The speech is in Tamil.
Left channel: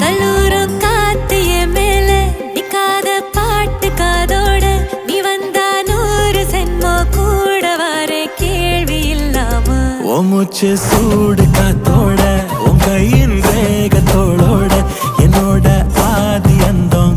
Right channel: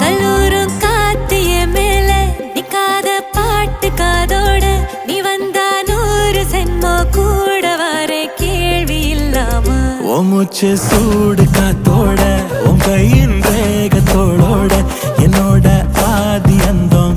கல்லூரும் காத்திய மேல நிக்காத பாட்டு காதோட நீ வந்தா 100 சென்மோ கூட வர கேள்வி இல்லாம மூச்சு சூடு காத்தோட உன் கையின் ரேகத்தோளோட என்னோட ஆதி அந்தம்